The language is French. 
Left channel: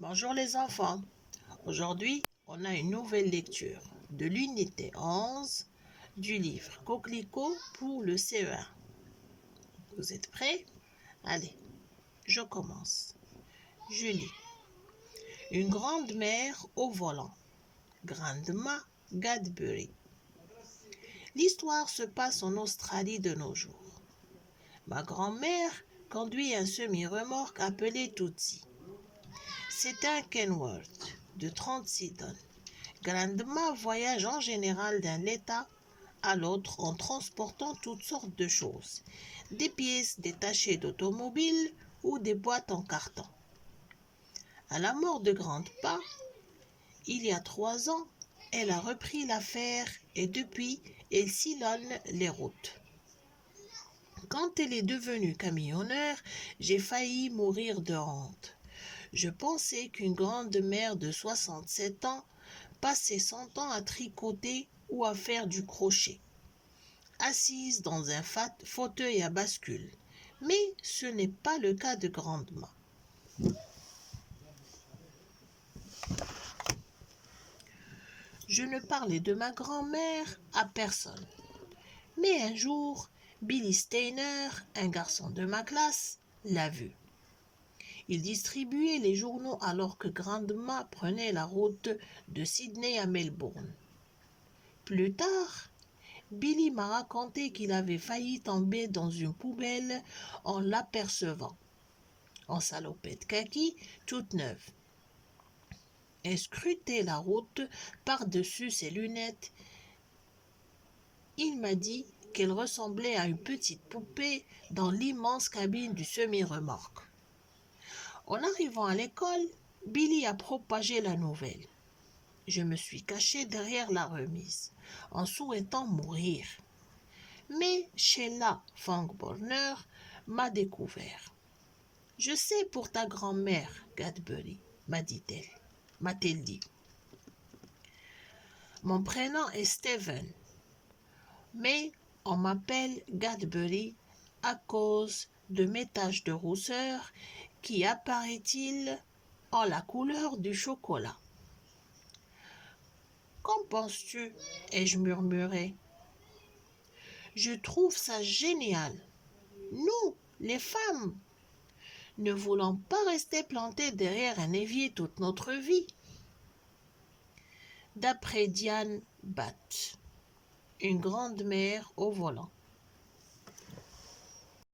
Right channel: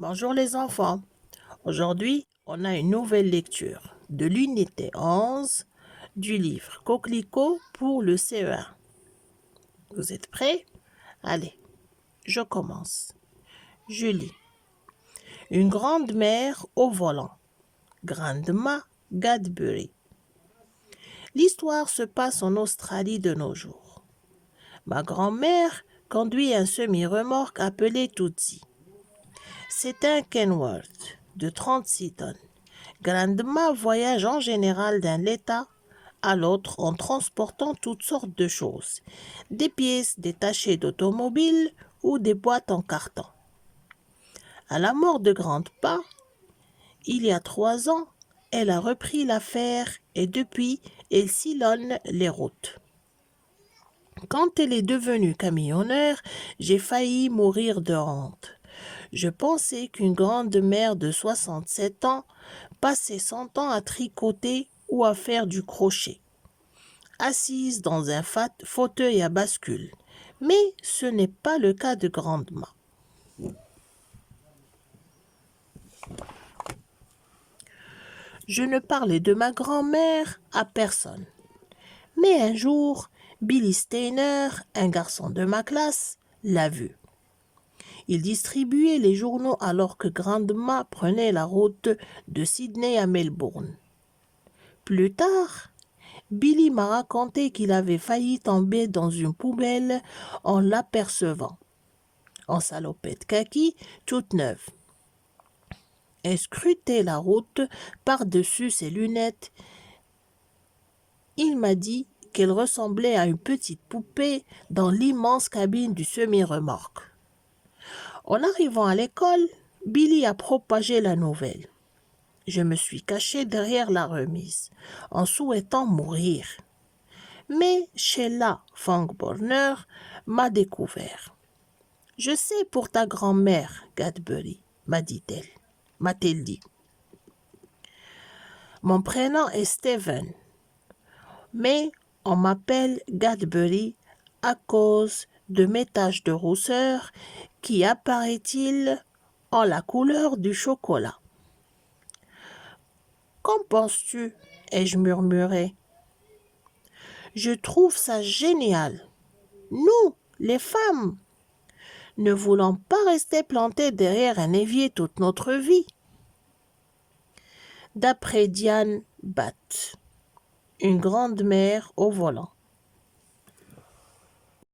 Bonjour les enfants. Aujourd'hui, on a une nouvelle lecture de l'unité 11 du livre Coquelicot pour le CE1. Vous êtes prêts? Allez, je commence. Je lis. Une grande mère au volant. Grandma Gadbury. L'histoire se passe en Australie de nos jours. Ma grand-mère conduit un semi-remorque appelé Tootsie. C'est un Kenworth de 36 tonnes. Grandma voyage en général d'un état à l'autre en transportant toutes sortes de choses, des pièces détachées d'automobiles ou des boîtes en carton. À la mort de Grandpa, il y a 3 ans, elle a repris l'affaire et depuis, elle sillonne les routes. Quand elle est devenue camionneur, j'ai failli mourir de honte. Je pensais qu'une grande mère de 67 ans passait son temps à tricoter ou à faire du crochet, assise dans un fauteuil à bascule. Mais ce n'est pas le cas de Grandma. Je ne parlais de ma grand-mère à personne. Mais un jour, Billy Steiner, un garçon de ma classe, l'a vue. Il distribuait les journaux alors que Grandma prenait la route de Sydney à Melbourne. Plus tard, Billy m'a raconté qu'il avait failli tomber dans une poubelle en l'apercevant, en salopette kaki toute neuve. Elle scrutait la route par-dessus ses lunettes. Il m'a dit qu'elle ressemblait à une petite poupée dans l'immense cabine du semi-remorque. En arrivant à l'école, Billy a propagé la nouvelle. Je me suis caché derrière la remise, en souhaitant mourir. Mais Sheila Fangborner m'a découvert. « Je sais pour ta grand-mère, Gadbury, m'a-t-elle dit. Mon prénom est Steven, mais on m'appelle Gadbury à cause de mes taches de rousseur qui, apparaît-il, ont la couleur du chocolat. Qu'en penses-tu? Ai-je murmuré. Je trouve ça génial. Nous, les femmes, ne voulons pas rester plantées derrière un évier toute notre vie. D'après Diane Batt, une grande mère au volant.